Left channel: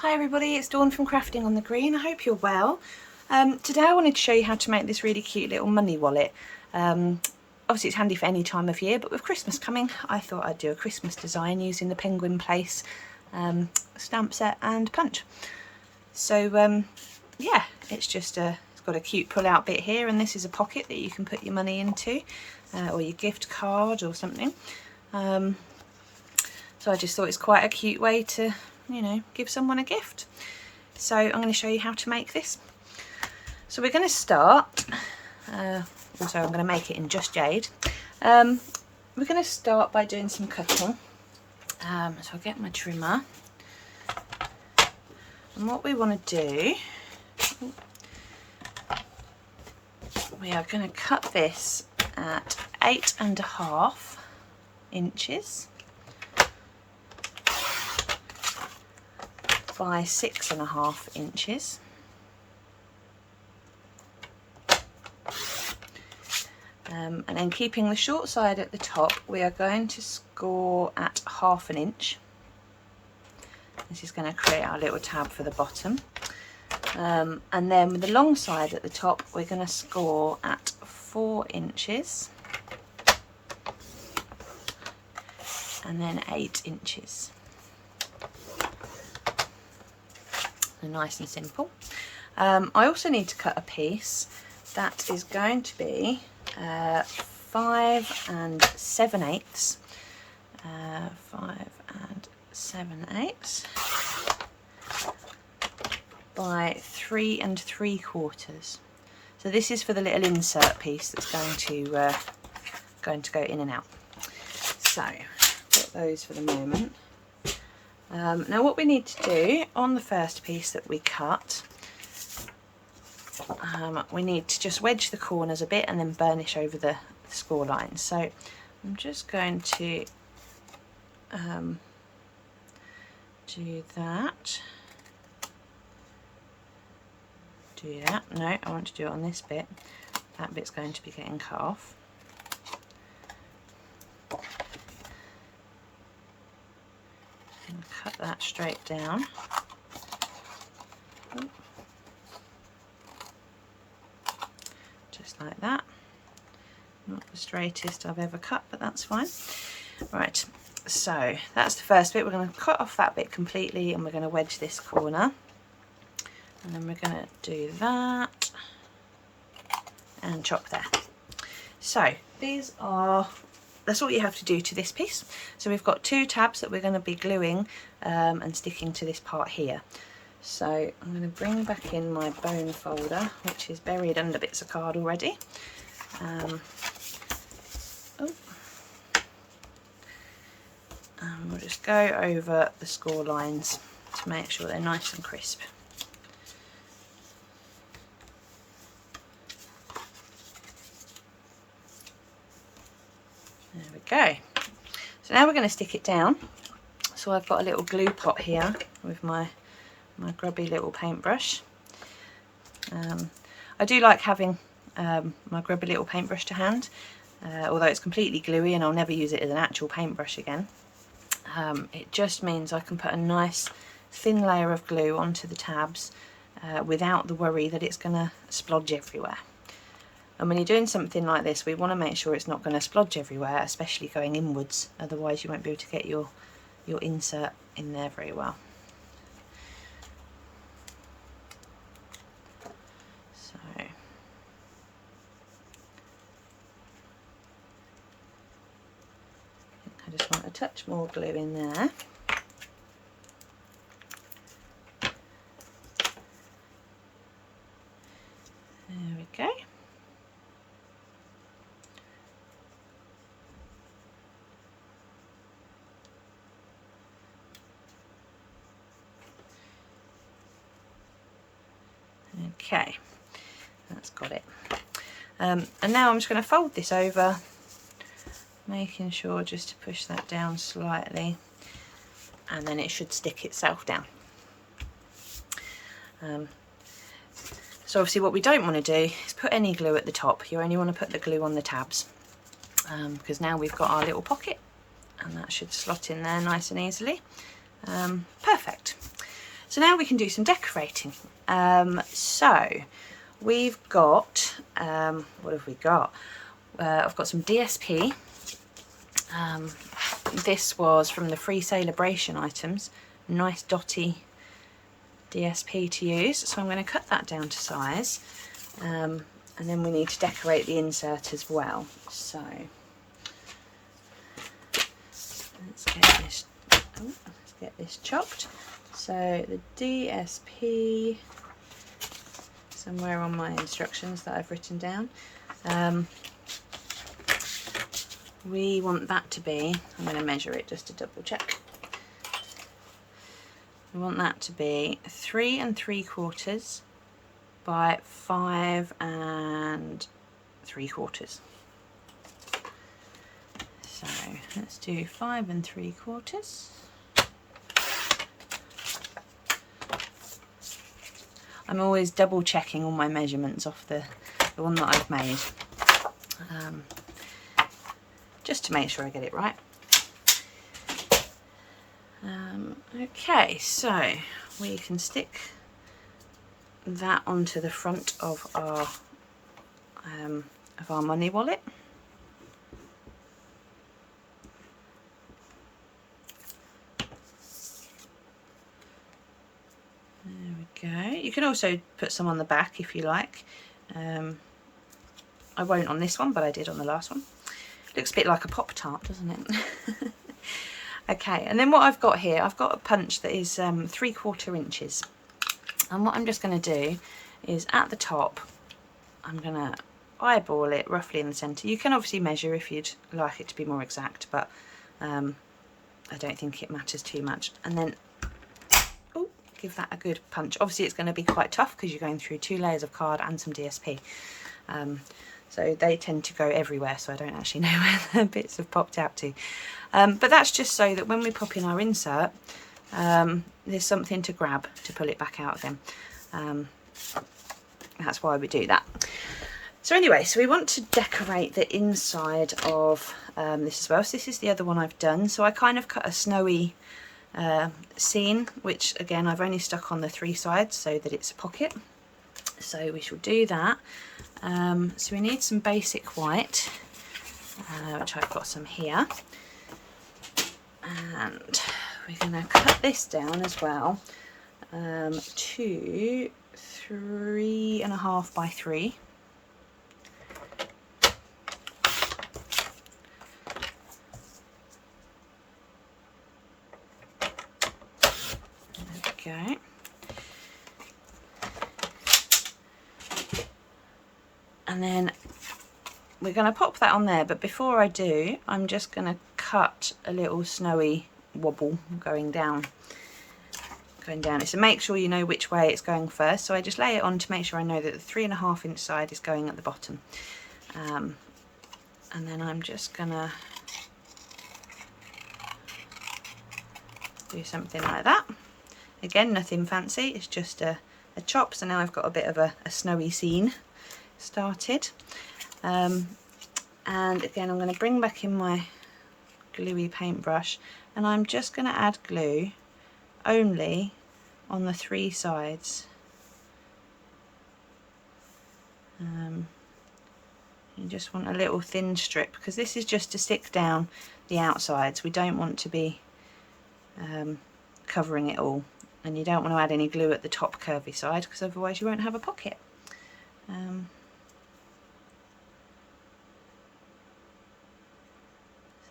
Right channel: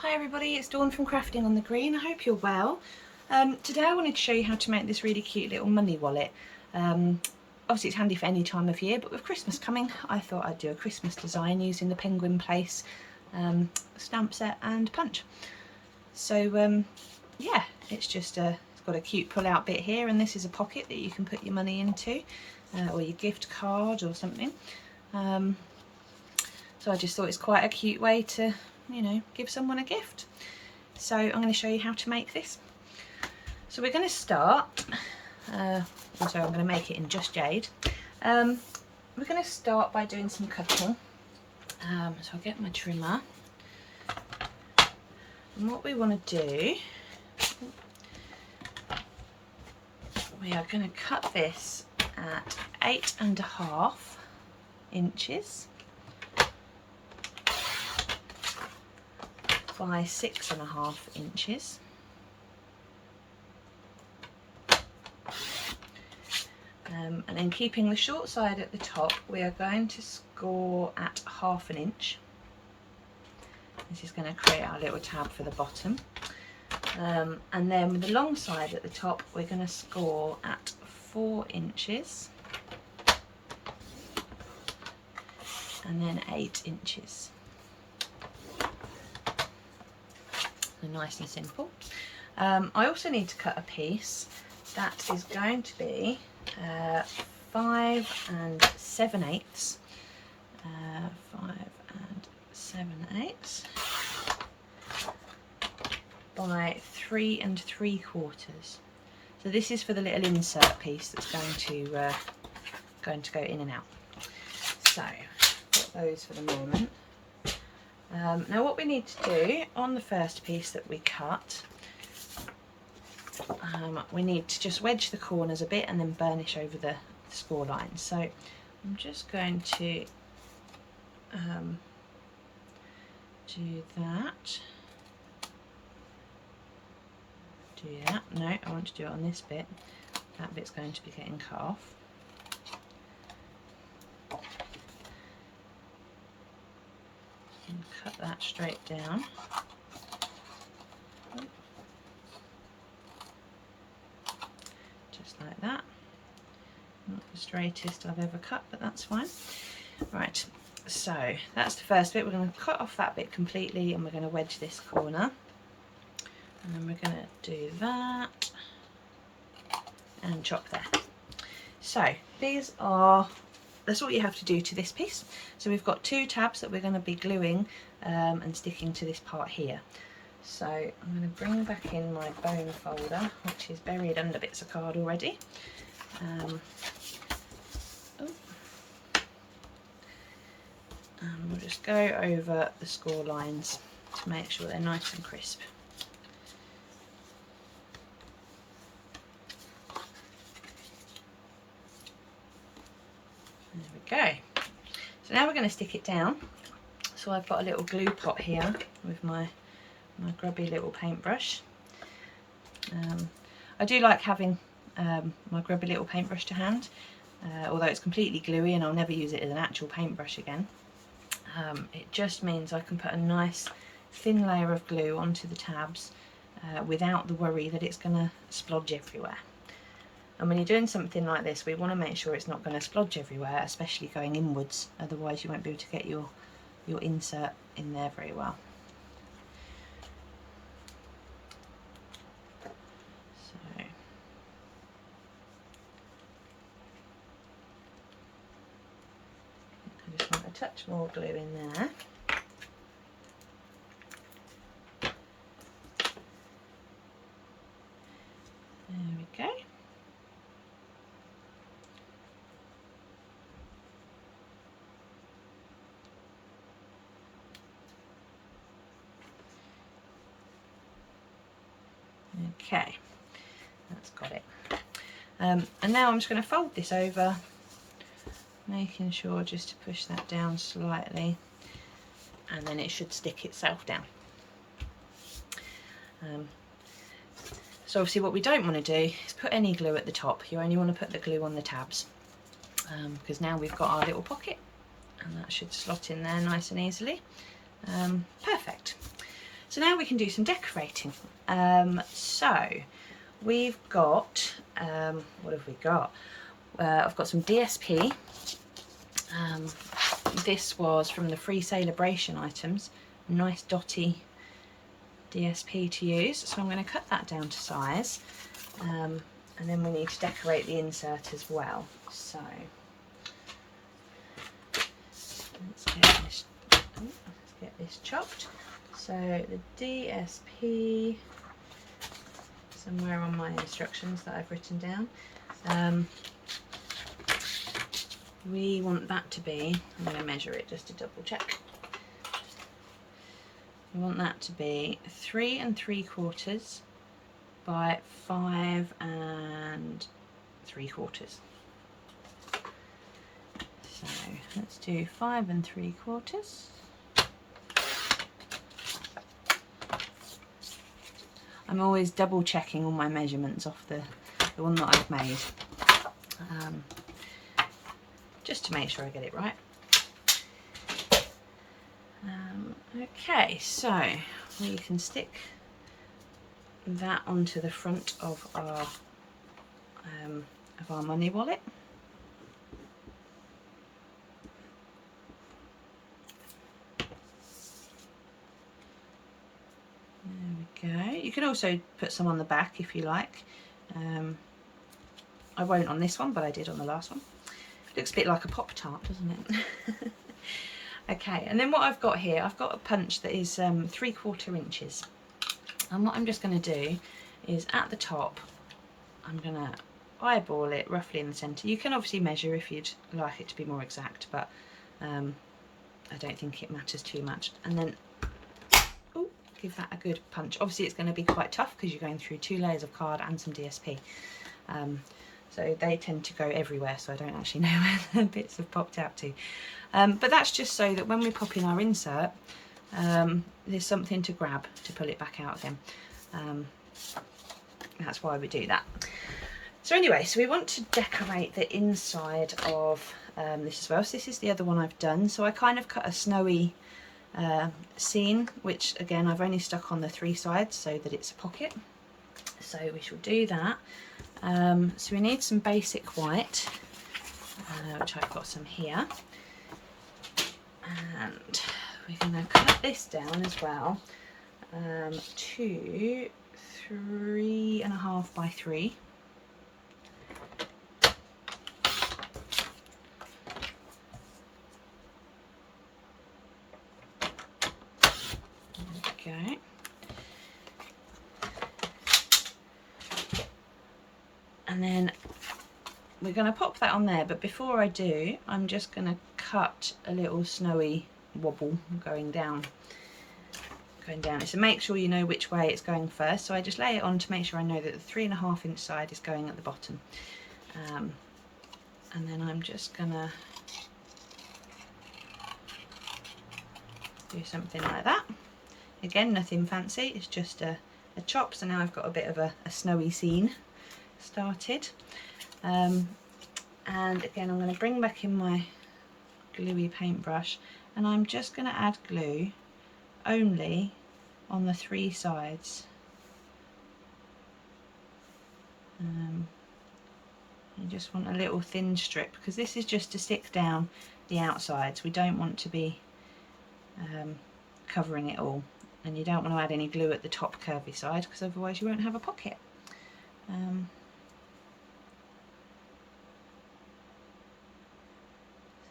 Hi everybody, it's Dawn from Crafting on the Green. I hope you're well. Today I wanted to show you how to make this really cute little money wallet. Obviously it's handy for any time of year, but with Christmas coming I thought I'd do a Christmas design using the Penguin Place stamp set and punch. So yeah, it's got a cute pull out bit here, and this is a pocket that you can put your money into or your gift card or something. So I just thought it's quite a cute way to, you know, give someone a gift. So I'm going to show you how to make this. So we're going to start, also I'm going to make it in Just Jade. We're going to start by doing some cutting. So I'll get my trimmer. And what we want to do, we are going to cut this at 8.5 inches by 6.5 inches. And then keeping the short side at the top, we are going to score at 1/2 inch. This is going to create our little tab for the bottom. And then with the long side at the top, we're going to score at 4 inches. And then 8 inches. Nice and simple. I also need to cut a piece that is going to be 5 7/8, 5 7/8 by 3 3/4. So this is for the little insert piece that's going to go in and out. So put those for the moment. Now what we need to do on the first piece that we cut, we need to just wedge the corners a bit and then burnish over the score lines. So I'm just going to do that. No, I want to do it on this bit. That bit's going to be getting cut off. And cut that straight down. Just like that. Not the straightest I've ever cut, but that's fine. Right, so that's the first bit. We're going to cut off that bit completely and we're going to wedge this corner. And then we're going to do that and chop there. So that's all you have to do to this piece. So we've got 2 tabs that we're going to be gluing and sticking to this part here. So I'm going to bring back in my bone folder, which is buried under bits of card already. And we'll just go over the score lines to make sure they're nice and crisp. There we go. So now we're going to stick it down. So I've got a little glue pot here with my grubby little paintbrush. I do like having my grubby little paintbrush to hand, although it's completely gluey and I'll never use it as an actual paintbrush again. It just means I can put a nice thin layer of glue onto the tabs without the worry that it's going to splodge everywhere. And when you're doing something like this, we want to make sure it's not going to splodge everywhere, especially going inwards, otherwise you won't be able to get your insert in there very well. So I just want a touch more glue in there. There we go. Okay, that's got it. And now I'm just going to fold this over, making sure just to push that down slightly, and then it should stick itself down. So obviously what we don't want to do is put any glue at the top. You only want to put the glue on the tabs, because now we've got our little pocket and that should slot in there nice and easily. Perfect. So now we can do some decorating. So we've got, what have we got? I've got some DSP. This was from the free celebration items. Nice dotty DSP to use. So I'm going to cut that down to size. And then we need to decorate the insert as well. So let's get this chopped. So the DSP, somewhere on my instructions that I've written down, we want that to be, I'm going to measure it just to double check. We want that to be 3 3/4 by 5 3/4. So let's do 5 3/4. I'm always double checking all my measurements off the one that I've made, just to make sure I get it right. Okay, so we can stick that onto the front of our money wallet. There we go. You can also put some on the back if you like. I won't on this one, but I did on the last one. Looks a bit like a Pop-Tart, doesn't it? Okay, and then what I've got here, I've got a punch that is 3/4 inches. And what I'm just going to do is at the top, I'm going to eyeball it roughly in the centre. You can obviously measure if you'd like it to be more exact, but I don't think it matters too much. And then give that a good punch. Obviously it's going to be quite tough because you're going through 2 layers of card and some DSP. So they tend to go everywhere, so I don't actually know where the bits have popped out to. But that's just so that when we pop in our insert, there's something to grab to pull it back out again. That's why we do that. So anyway, so we want to decorate the inside of this as well. So this is the other one I've done. So I kind of cut a snowy scene, which again I've only stuck on the 3 sides so that it's a pocket. So we shall do that. So we need some basic white, which I've got some here. And we're going to cut this down as well to 3.5 by 3. There we go. And then we're going to pop that on there, but before I do, I'm just going to cut a little snowy wobble going down. So make sure you know which way it's going first. So I just lay it on to make sure I know that the 3.5 inch side is going at the bottom. And then I'm just going to do something like that. Again, nothing fancy, it's just a chop. So now I've got a bit of a snowy scene started. And again, I'm going to bring back in my gluey paintbrush, and I'm just going to add glue only on the 3 sides. You just want a little thin strip, because this is just to stick down the outsides. We don't want to be covering it all, and you don't want to add any glue at the top curvy side, because otherwise you won't have a pocket.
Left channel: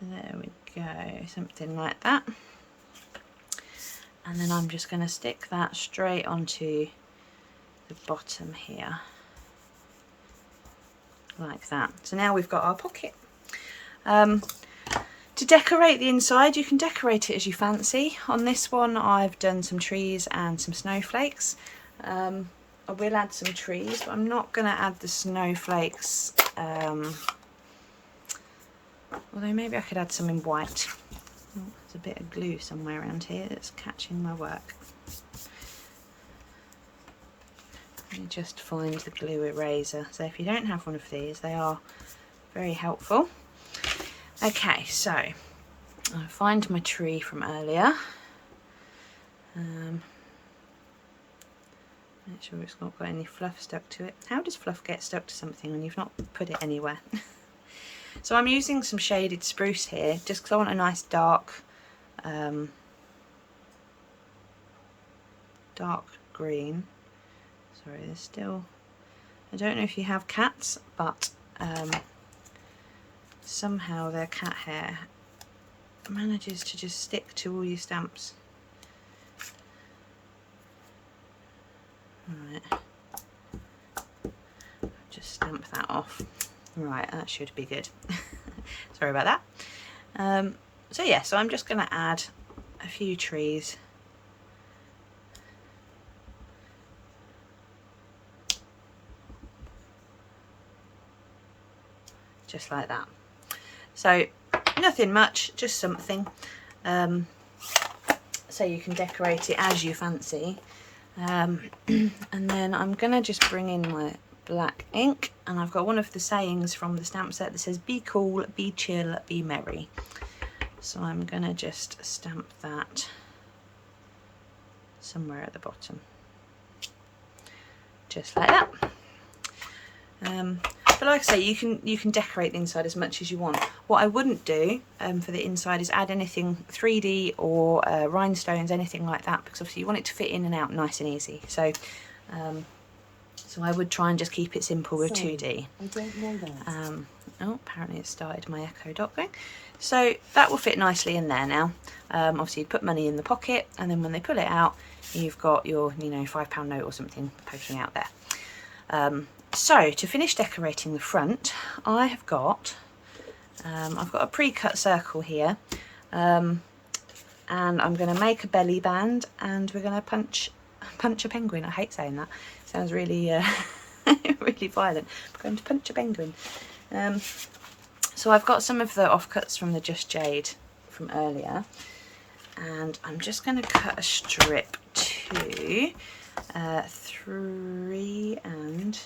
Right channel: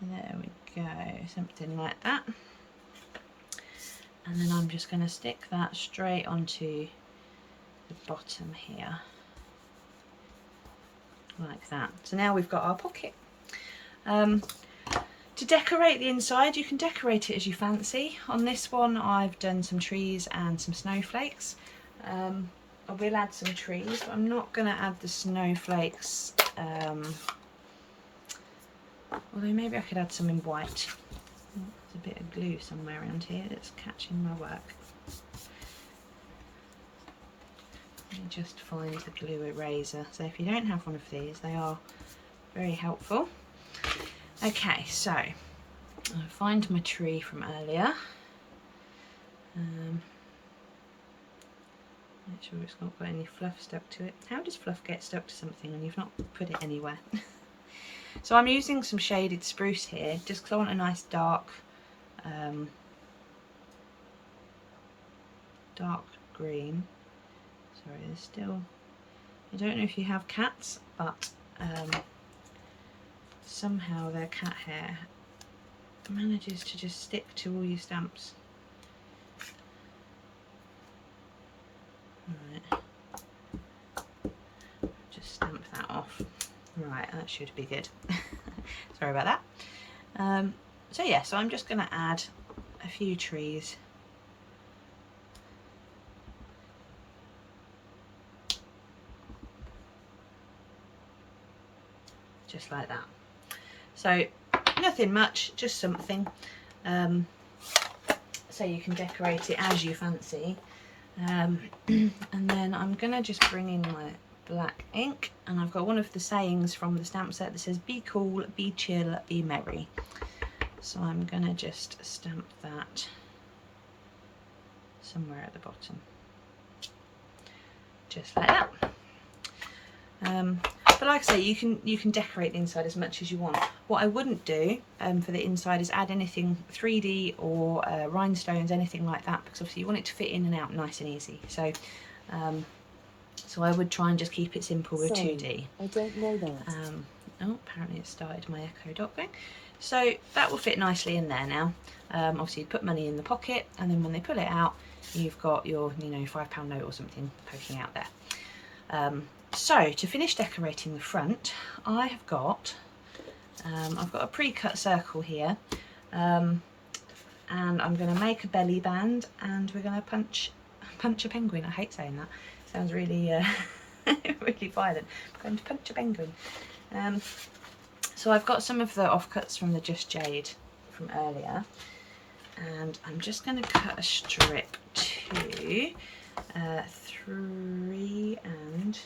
So there we go, something like that. And then I'm just going to stick that straight onto the bottom here, like that. So now we've got our pocket. To decorate the inside, you can decorate it as you fancy. On this one I've done some trees and some snowflakes. I will add some trees, but I'm not going to add the snowflakes, although maybe I could add some in white. Oh, there's a bit of glue somewhere around here that's catching my work. Let me just find the glue eraser. So if you don't have one of these, they are very helpful. Okay, so I'll find my tree from earlier. Make sure it's not got any fluff stuck to it. How does fluff get stuck to something when you've not put it anywhere? So I'm using some shaded spruce here, just because I want a nice dark, dark green. Sorry, there's still, I don't know if you have cats, but somehow their cat hair manages to just stick to all your stamps. Right, just stamp that off. Right, that should be good. Sorry about that. So yeah, so I'm just going to add a few trees. Just like that. So nothing much, just something. So you can decorate it as you fancy. And then I'm going to just bring in my black ink, and I've got one of the sayings from the stamp set that says be cool, be chill, be merry. So I'm going to just stamp that somewhere at the bottom, just like that. But like I say, you can decorate the inside as much as you want. What I wouldn't do for the inside is add anything 3D or rhinestones, anything like that, because obviously you want it to fit in and out nice and easy. So so I would try and just keep it simple with 2D. I don't know that. Oh, apparently it started my Echo Dot going. So that will fit nicely in there now. Obviously you put money in the pocket, and then when they pull it out, you've got your, you know, £5 note or something poking out there. So to finish decorating the front, I have got, I've got a pre-cut circle here, and I'm going to make a belly band, and we're going to punch a penguin. I hate saying that. Sounds really really violent. I'm going to punch a penguin. So I've got some of the offcuts from the Just Jade from earlier, and I'm just going to cut a strip to 3 and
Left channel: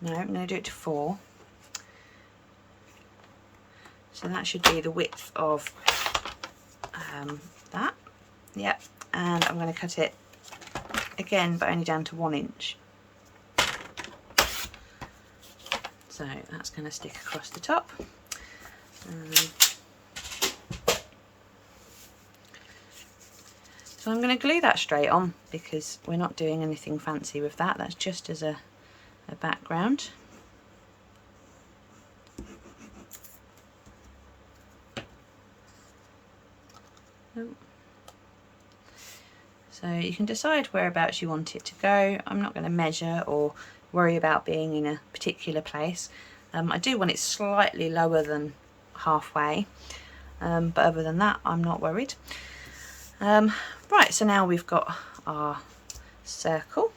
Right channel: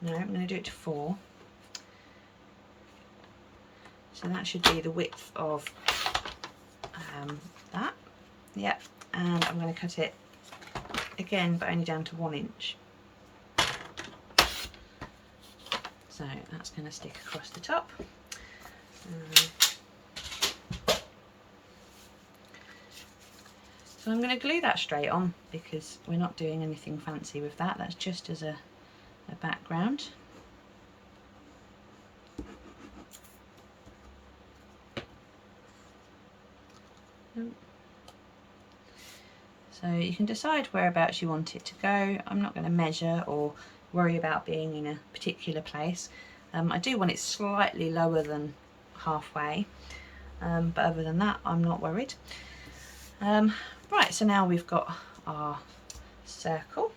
no, I'm going to do it to 4. So that should be the width of that. Yep, and I'm going to cut it again, but only down to 1 inch. So that's going to stick across the top. So I'm going to glue that straight on, because we're not doing anything fancy with that. That's just as a background. So you can decide whereabouts you want it to go. I'm not going to measure or worry about being in a particular place. I do want it slightly lower than halfway, but other than that I'm not worried. Right, so now we've got our circle,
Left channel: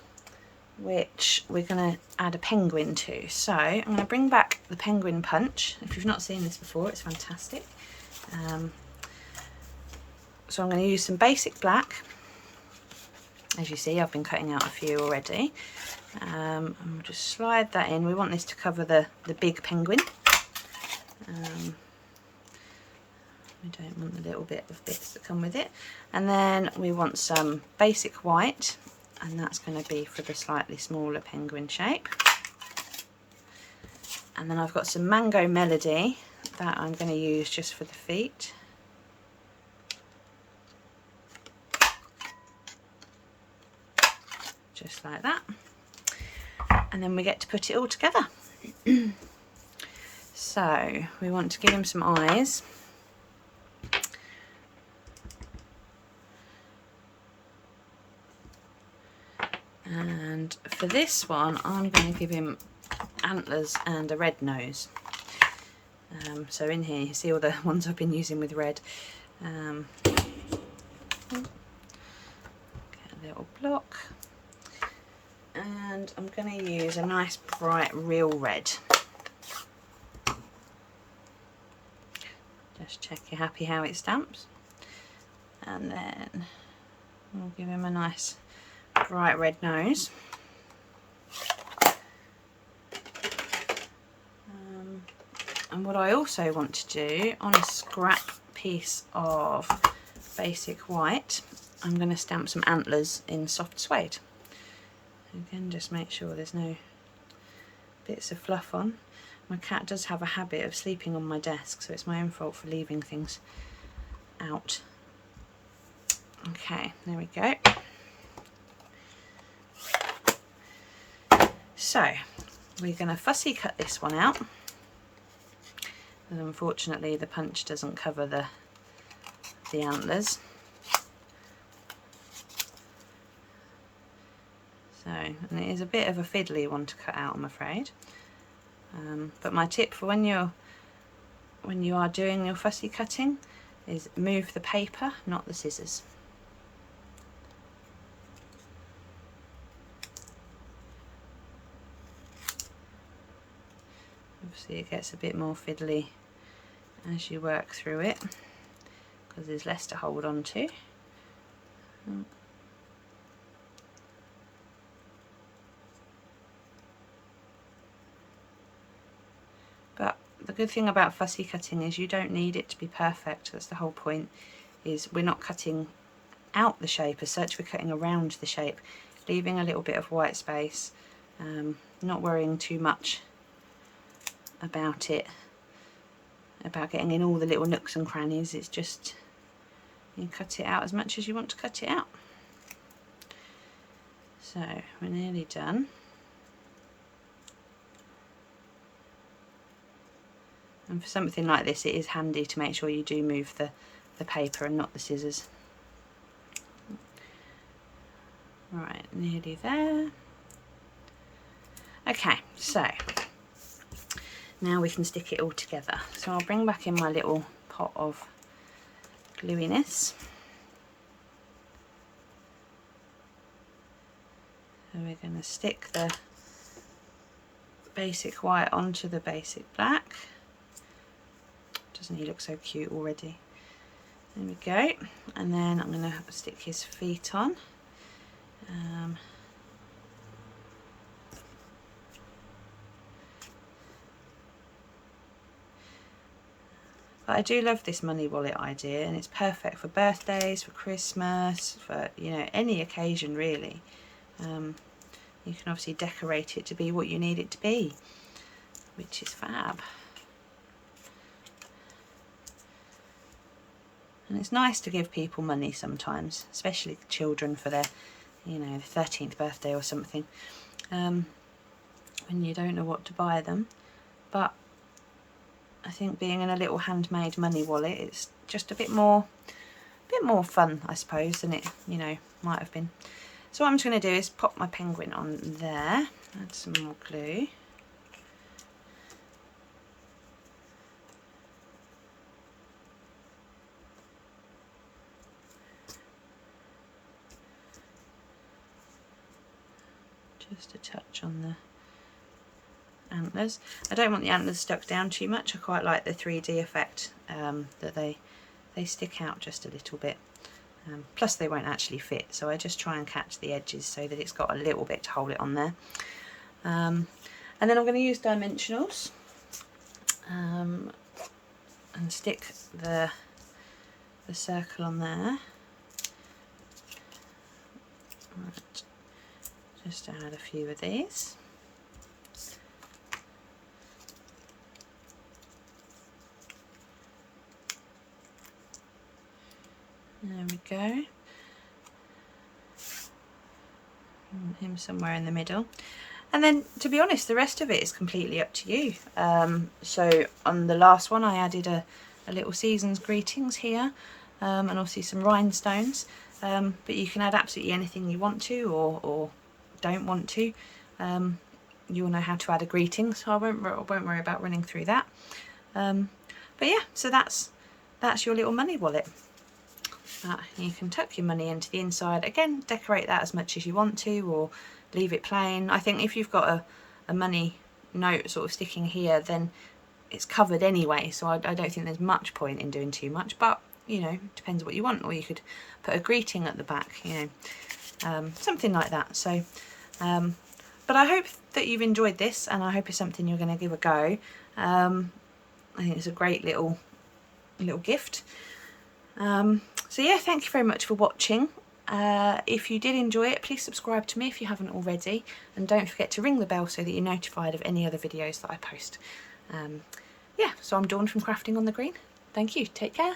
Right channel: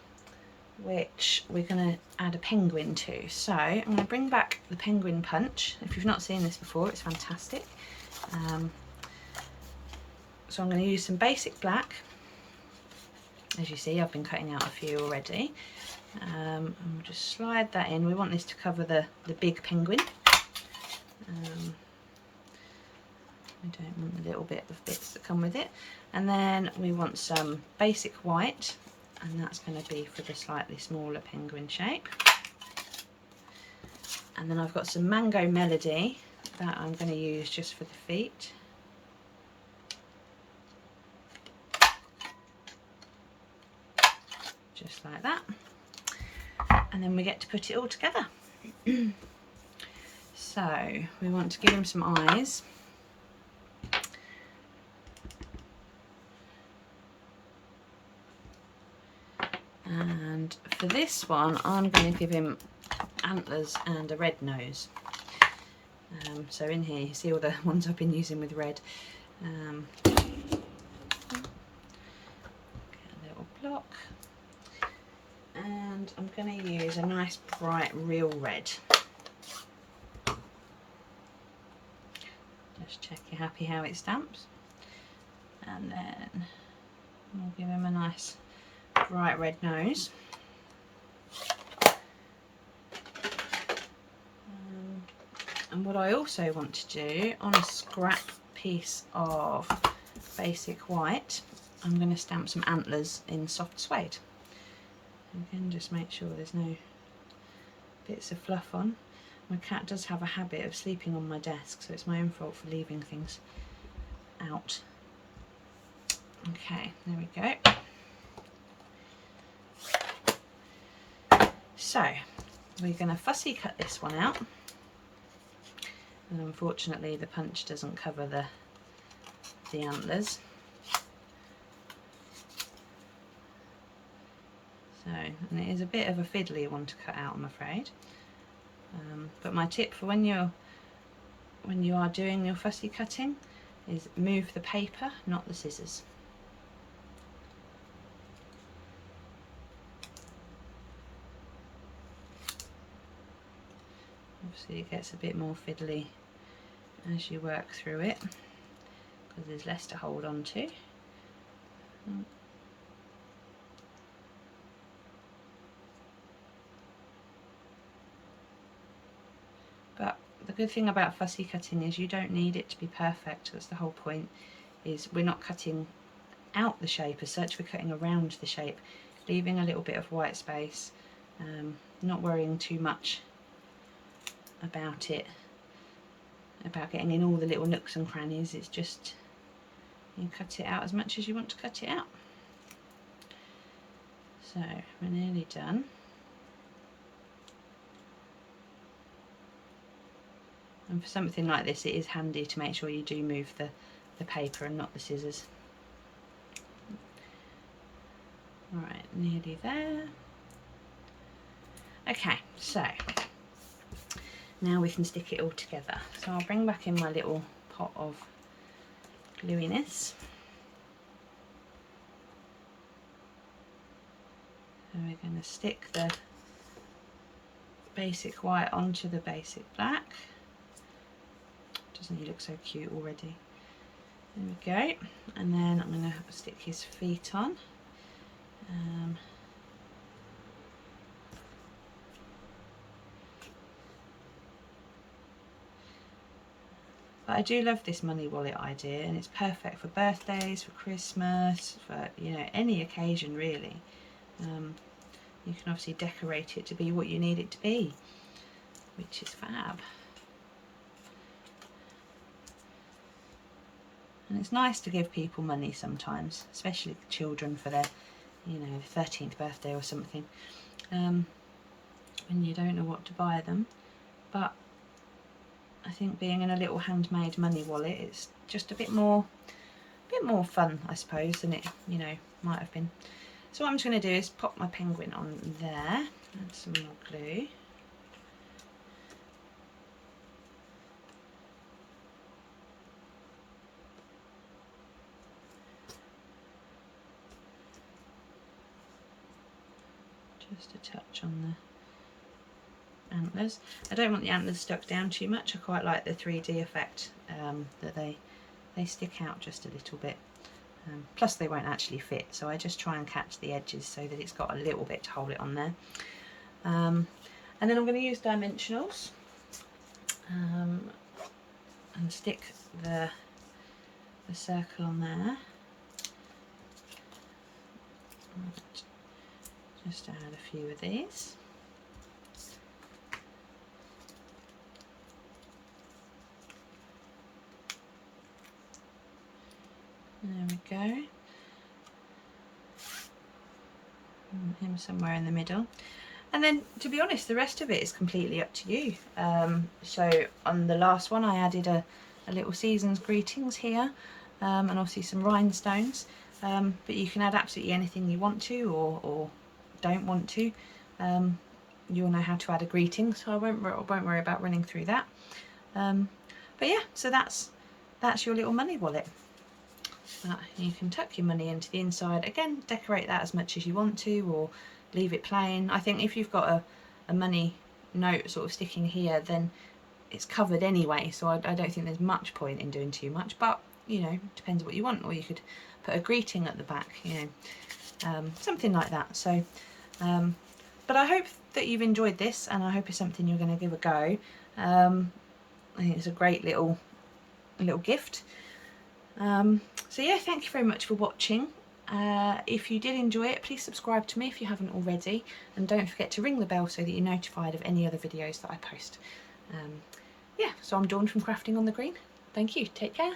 which we're going to add a penguin to. So I'm going to bring back the penguin punch. If you've not seen this before, it's fantastic. So I'm going to use some basic black. As you see, I've been cutting out a few already. And we'll just slide that in. We want this to cover the big penguin. We don't want the little bit of bits that come with it. And then we want some basic white, and that's going to be for the slightly smaller penguin shape. And then I've got some Mango Melody that I'm going to use just for the feet. Just like that. And then we get to put it all together. So we want to give him some eyes. And for this one, I'm going to give him antlers and a red nose. So in here, you see all the ones I've been using with red. Get a little block. And I'm going to use a nice bright real red. Just check you're happy how it stamps. And then we'll give him a nice bright red nose. And what I also want to do on a scrap piece of basic white I'm going to stamp some antlers in soft suede. Again, just make sure there's no bits of fluff on. My cat does have a habit of sleeping on my desk, so it's my own fault for leaving things out. Okay, there we go. So we're going to fussy cut this one out, and unfortunately the punch doesn't cover the antlers. So, and it is a bit of a fiddly one to cut out, I'm afraid. But my tip for when you are doing your fussy cutting is move the paper, not the scissors. Obviously it gets a bit more fiddly as you work through it, because there's less to hold on to. But the good thing about fussy cutting is you don't need it to be perfect. That's the whole point, is we're not cutting out the shape as such, we're cutting around the shape, leaving a little bit of white space, not worrying too much about it, about getting in all the little nooks and crannies. It's just, you cut it out as much as you want to cut it out. So we're nearly done. And for something like this, it is handy to make sure you do move the paper and not the scissors. Alright, nearly there. Okay, so now we can stick it all together. So I'll bring back in my little pot of gluiness. And we're going to stick the basic white onto the basic black. Doesn't he look so cute already? There we go. And then I'm going to stick his feet on. But I do love this money wallet idea, and it's perfect for birthdays, for Christmas, for, you know, any occasion really. You can obviously decorate it to be what you need it to be, which is fab. And it's nice to give people money sometimes, especially children, for their, you know, 13th birthday or something, when you don't know what to buy them. But I think being in a little handmade money wallet, it's just a bit more fun, I suppose, than it, you know, might have been. So what I'm just going to do is pop my penguin on there, add some more glue. Just a touch on the antlers. I don't want the antlers stuck down too much. I quite like the 3D effect, that they stick out just a little bit. Plus they won't actually fit, so I just try and catch the edges so that it's got a little bit to hold it on there. And then I'm going to use dimensionals and stick the circle on there. Right. Just add a few of these. There we go. And him somewhere in the middle. And then, to be honest, the rest of it is completely up to you. So on the last one I added a little season's greetings here, and obviously some rhinestones. But you can add absolutely anything you want to, or don't want to. You'll know how to add a greeting, so I won't worry about running through that. But yeah, so that's your little money wallet. You can tuck your money into the inside. Again, decorate that as much as you want to, or leave it plain. I think if you've got a money note sort of sticking here, then it's covered anyway, so I don't think there's much point in doing too much. But, you know, depends what you want. Or you could put a greeting at the back, you know, something like that. So but I hope that you've enjoyed this, and I hope it's something you're going to give a go. I think it's a great little gift. So yeah, thank you very much for watching. If you did enjoy it, please subscribe to me if you haven't already, and don't forget to ring the bell so that you're notified of any other videos that I post. Yeah, so I'm Dawn from Crafting on the Green. Thank you, take care.